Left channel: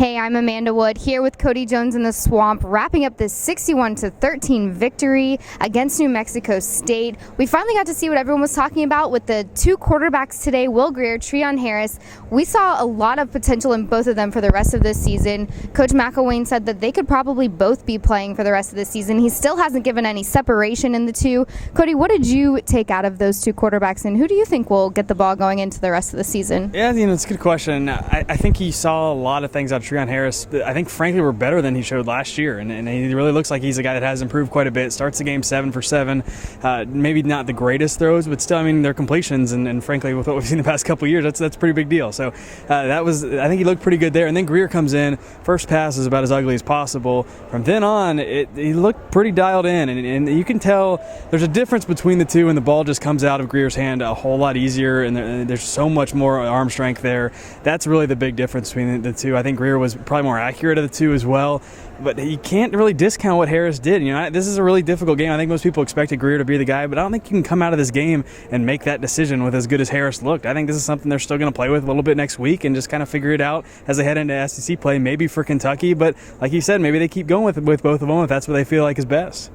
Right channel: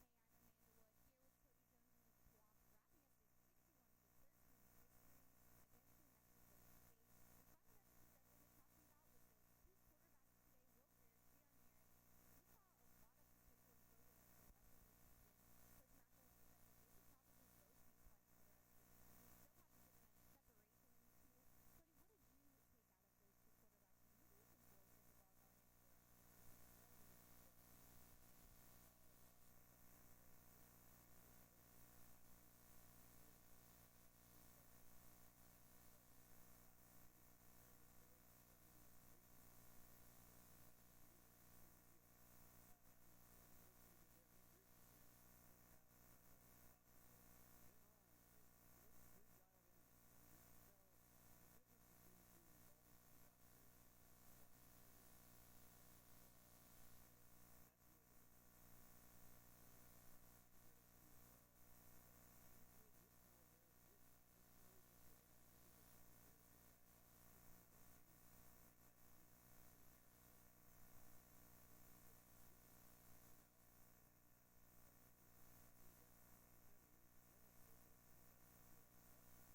Hey, I'm Amanda Wood here with Cody Jones in the Swamp, wrapping up this 61-13 victory against New Mexico State. We finally got to see what everyone was talking about with the two quarterbacks today, Will Grier, Treon Harris. We saw a lot of potential in both of them for the rest of this season. Coach McElwain said that they could probably both be playing for the rest of the season. He still hasn't given any separation in the two. Cody, what did you take out of those two quarterbacks, and who do you think will get the ball going into the rest of the season? Yeah, it's a good question. I think he saw a lot of things out of Treon Harris that I think, frankly, were better than he showed last year. And he really looks like he's a guy that has improved quite a bit. Starts the game 7 for 7. Maybe not the greatest throws, but still, I mean, they're completions. And frankly, with what we've seen the past couple of years, that's a pretty big deal. So I think he looked pretty good there. And then Grier comes in. First pass is about as ugly as possible. From then on, he looked pretty dialed in. And you can tell there's a difference between the two, and the ball just comes out of Grier's hand a whole lot easier. And there's so much more arm strength there. That's really the big difference between the two. I think Grier was probably more accurate of the two as well, but you can't really discount what Harris did. This is a really difficult game. I think most people expected Grier to be the guy, but I don't think you can come out of this game and make that decision with as good as Harris looked. I think this is something they're still going to play with a little bit next week and just kind of figure it out as they head into SEC play, maybe for Kentucky, but like you said, maybe they keep going with both of them if that's what they feel like is best.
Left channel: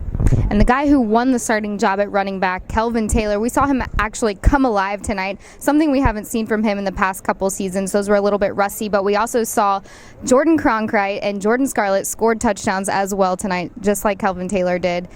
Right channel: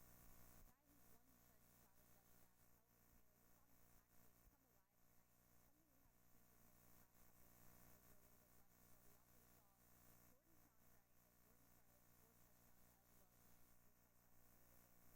And the guy who won the starting job at running back, Kelvin Taylor, we saw him actually come alive tonight, something we haven't seen from him in the past couple seasons. Those were a little bit rusty, but we also saw Jordan Cronkrite and Jordan Scarlett scored touchdowns as well tonight, just like Kelvin Taylor did.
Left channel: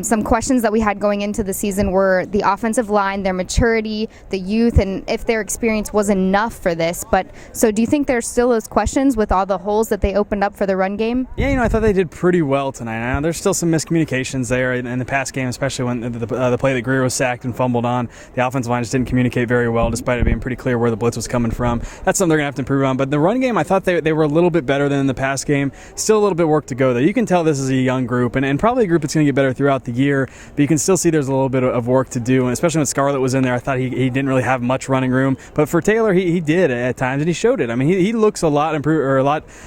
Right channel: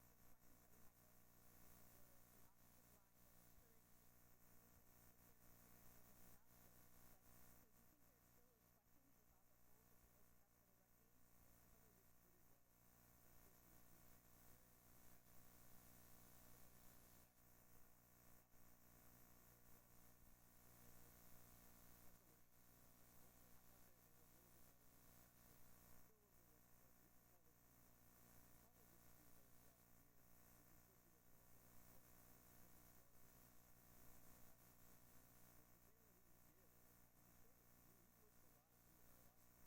Some questions that we had going into the season were the offensive line, their maturity, the youth, and if their experience was enough for this. But so do you think there's still those questions with all the holes that they opened up for the run game? Yeah, I thought they did pretty well tonight. Now, there's still some miscommunications there in the pass game, especially when the play that Grier was sacked and fumbled on. The offensive line just didn't communicate very well, despite it being pretty clear where the blitz was coming from. That's something they're going to have to improve on. But the run game, I thought they were a little bit better than in the pass game. Still a little bit work to go, though. You can tell this is a young group, and probably a group that's going to get better throughout the year, but you can still see there's a little bit of work to do, and especially when Scarlett was in there, I thought he didn't really have much running room. But for Taylor, he did at times, and he showed it. I mean, he looks a lot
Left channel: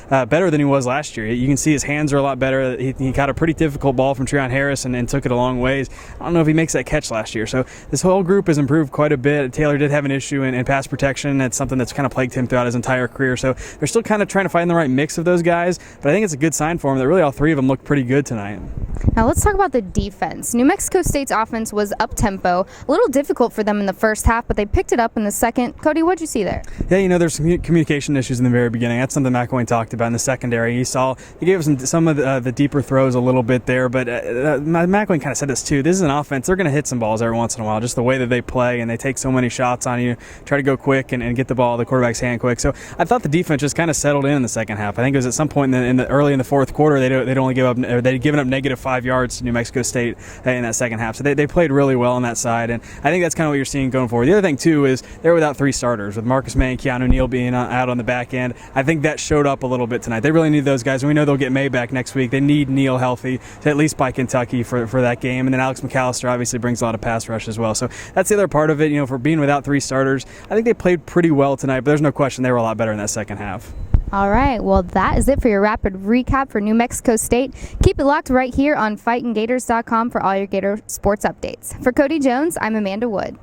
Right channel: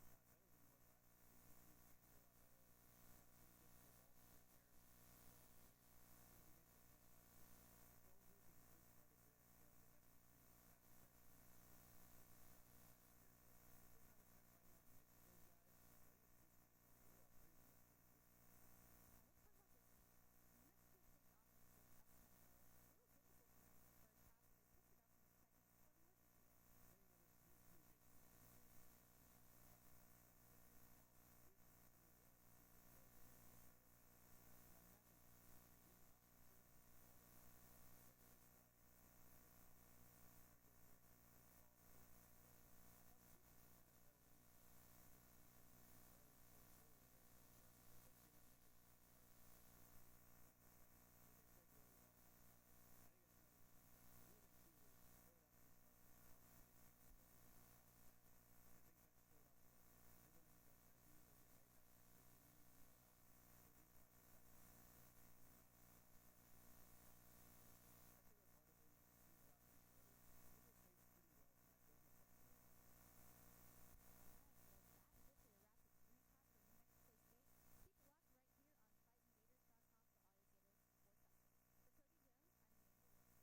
better than he was last year. You can see his hands are a lot better. He got a pretty difficult ball from Treon Harris and took it a long ways. I don't know if he makes that catch last year. So this whole group has improved quite a bit. Taylor did have an issue in pass protection. That's something that's kind of plagued him throughout his entire career. So they're still kind of trying to find the right mix of those guys, but I think it's a good sign for him that really all three of them look pretty good tonight. Now let's talk about the defense. New Mexico State's offense was up-tempo, a little difficult for them in the first half, but they picked it up in the second. Cody, what'd you see there? Yeah, there's some communication issues in the very beginning. That's something McElwain talked about in the secondary. He gave us some of the deeper throws a little bit there, but McElwain kind of said this too. This is an offense. They're going to hit some balls every once in a while, just the way that they play, and they take so many shots on you, try to go quick and get the ball the quarterback's hand quick. So I thought the defense just kind of settled in the second half. I think it was at some point early in the fourth quarter they'd given up negative 5 yards to New Mexico State in that second half. So they played really well on that side, and I think that's kind of what you're seeing going forward. The other thing too is they're without 3 starters, with Marcus May and Keanu Neal being out on the back end. I think that showed up a little bit tonight. They really need those guys, and we know they'll get May back next week. They need Neal healthy to at least by Kentucky for that game, and then Alex McAllister obviously brings a lot of pass rush as well. So that's the other part of it. For being without 3 starters, I think they played pretty well tonight, but there's no question they were a lot better in that second half. All right, well, that is it for your rapid recap for New Mexico State. Keep it locked right here on FightingGators.com for all your Gator sports updates. For Cody Jones, I'm Amanda Wood.